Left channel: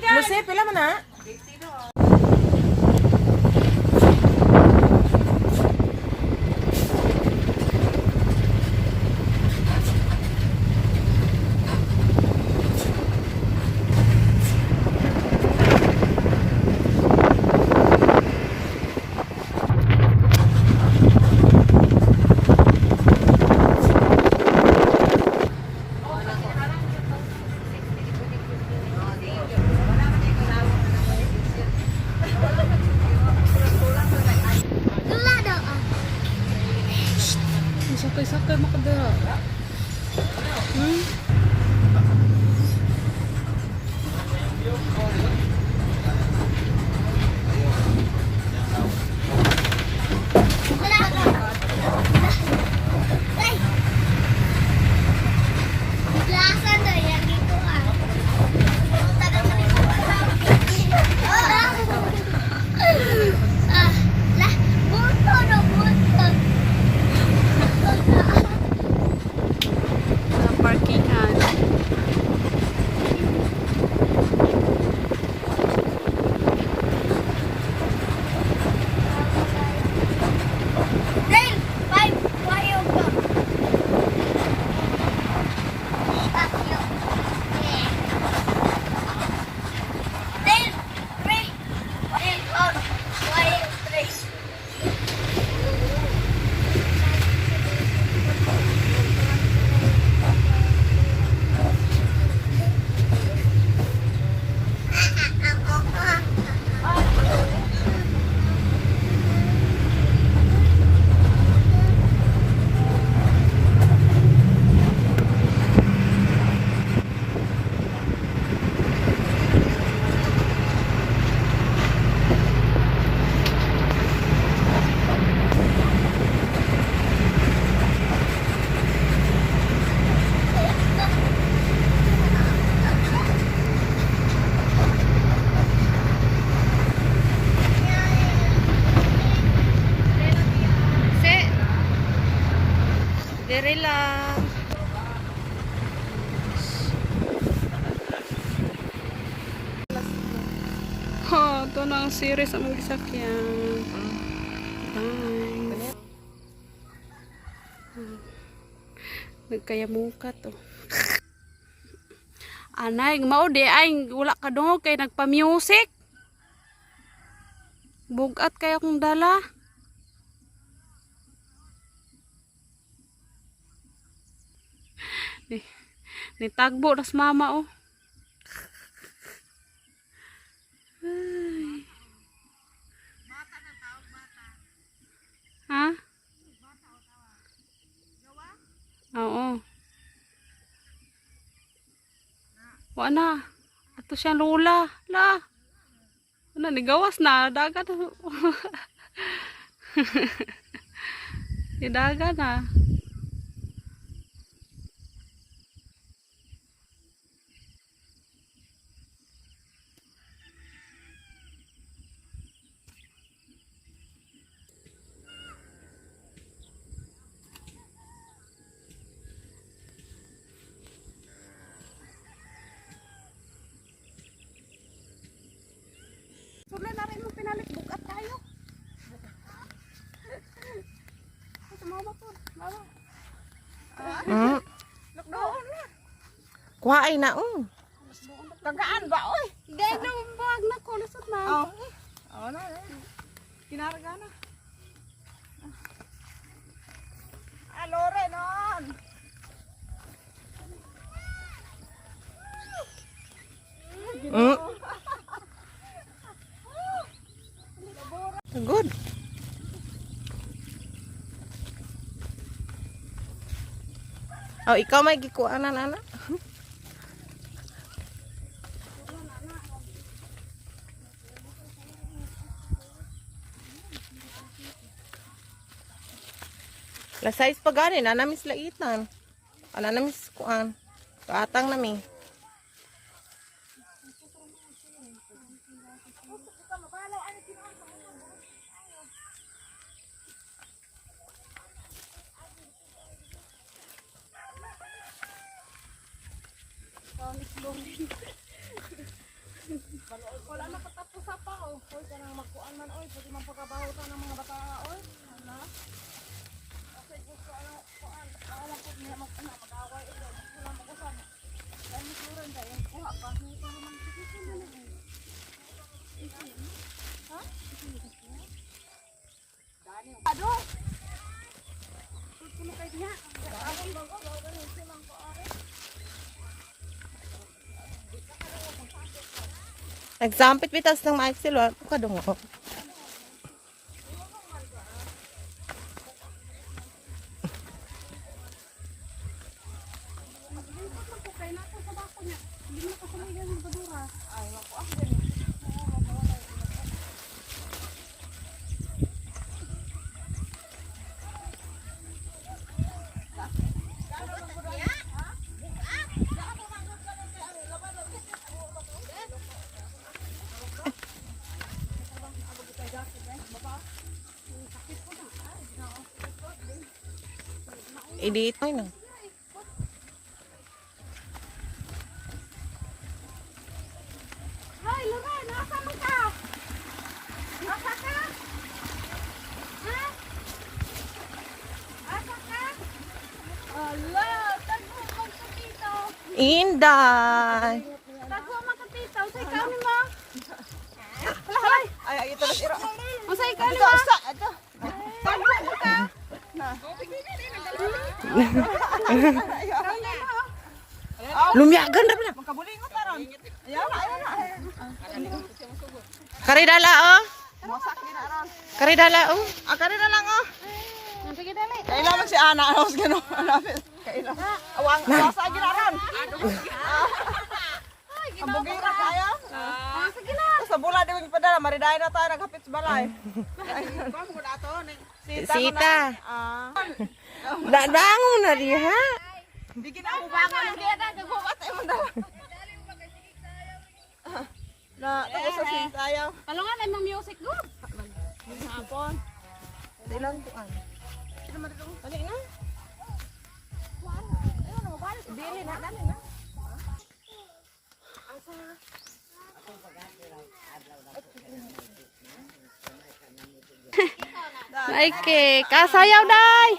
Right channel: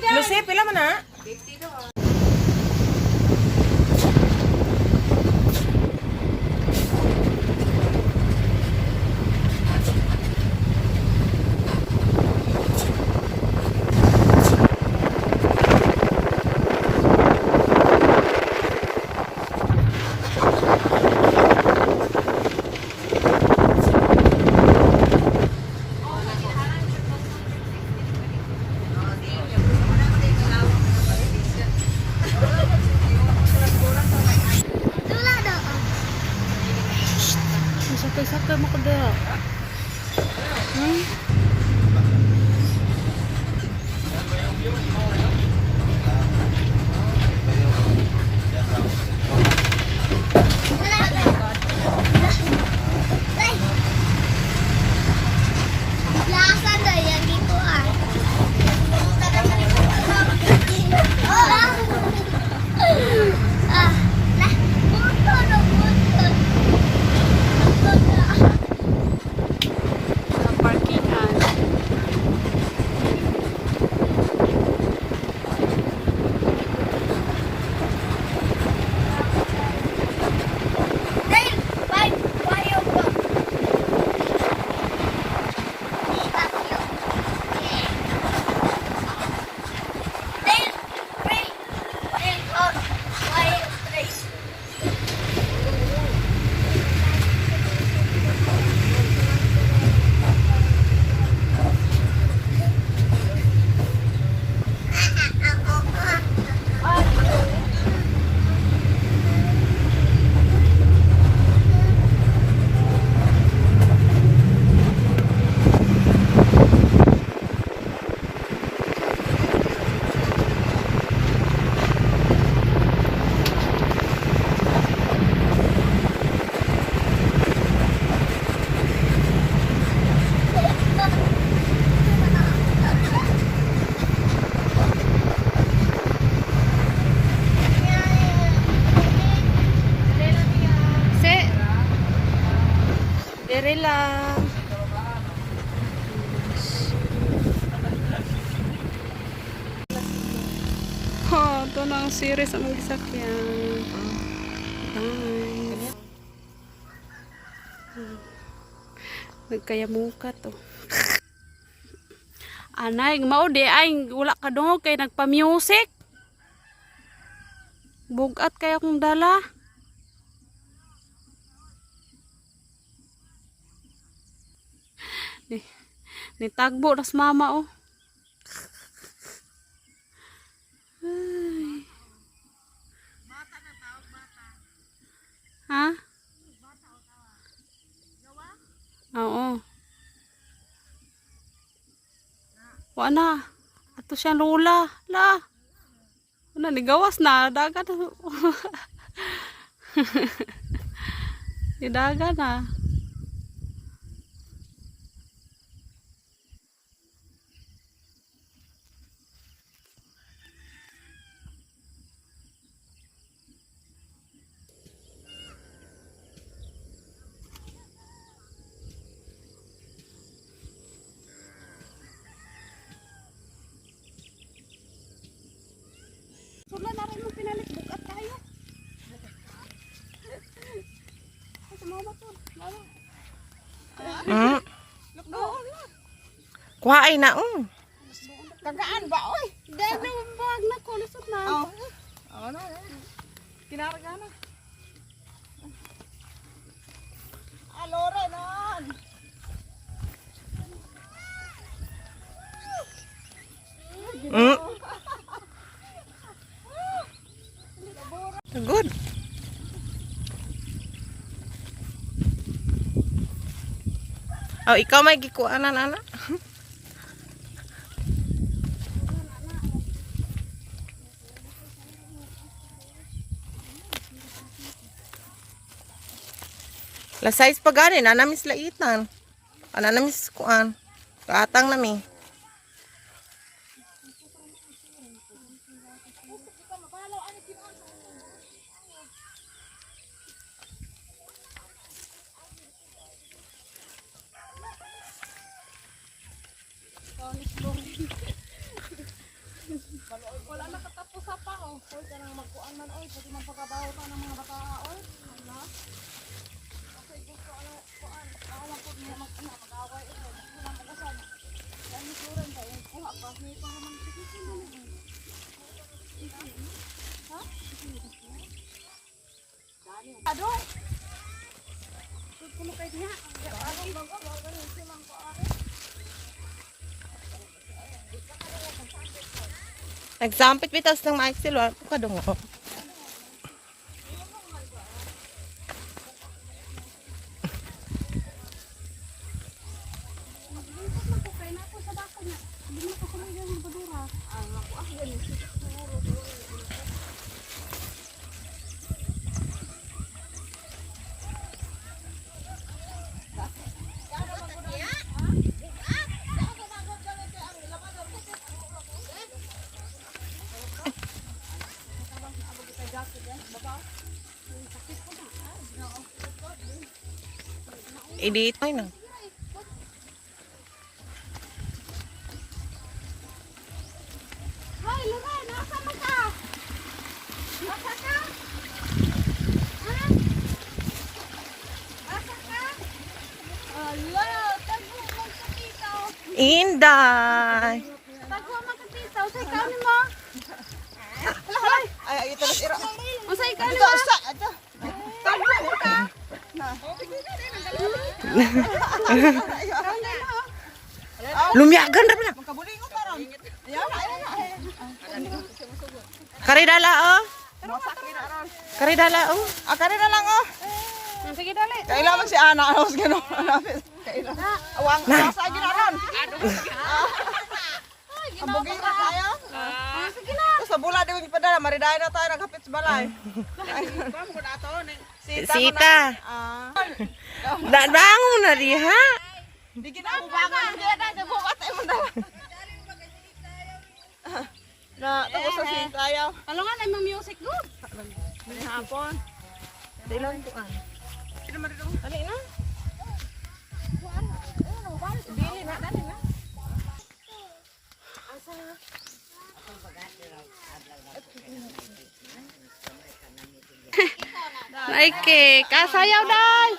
Lucy, pila man na? Sakay mo ko dira. Sa parkingan. Dere lang. Oh, ito na ang series ang gisakyan. Bye. Nagkayamuka to. Anay, maude ay wala ka dong kay nagpa-music. Bugat kaya kong dala. Nitagbo nas mama oh. Ay. Bata na tawag bata. Ha? Bata o tawag. Gawa? Oo. Wala. Ato siya lula. La. Ano ni gawas na dagat. Di dagat na. Sula na rin mo pinalit bukat tayo. Sumama po. Lalo. Lockdown na. Kuhaay na Kagaan ba oy? Dahil na bag na ko lisod na. Oo na. Kinarga na. Alore non. Good. Oh, ikaw may gikuanan anak. La size pa gani na namis laitan. Ana namis kuan. Kaatang nami. Nagsampit bitas ng Maxil, wala ka dong. Edit ay na. Hoy, Loren, nasa man ka? Nasa ka? Ha? Nasa ka? Ala, tagpo man ka dito. Inday. Tagpo man ka dito. Say ka ni mo. Ay, ito na sira. Usay ka ni mo. Ito. Tagpo mo ka. Lumiyagan ra pala. Makabulingot na ron. Ayan na. Karidala oh. Masak na ron. Karidala oh. Kari na lang oh. Sige dali. Kailangan si Ana. Anos gano'n. Kailangan. Awang. Nasa agin na ron. Ang bugira kaya. Sige na. Tapos sa bula di mo padala. Maridayan na tayo. Naghapit sa balay. Sita. Ah. Bangon na diha. Bigyan ako bangan. Hindi na. Nagbukat mo na. Na, tapos sa sintayaw. Kalungan ay mga music good. Hapon. Dilan ko an. Dali na. Dili na, dali na. Naike, kasayaw day.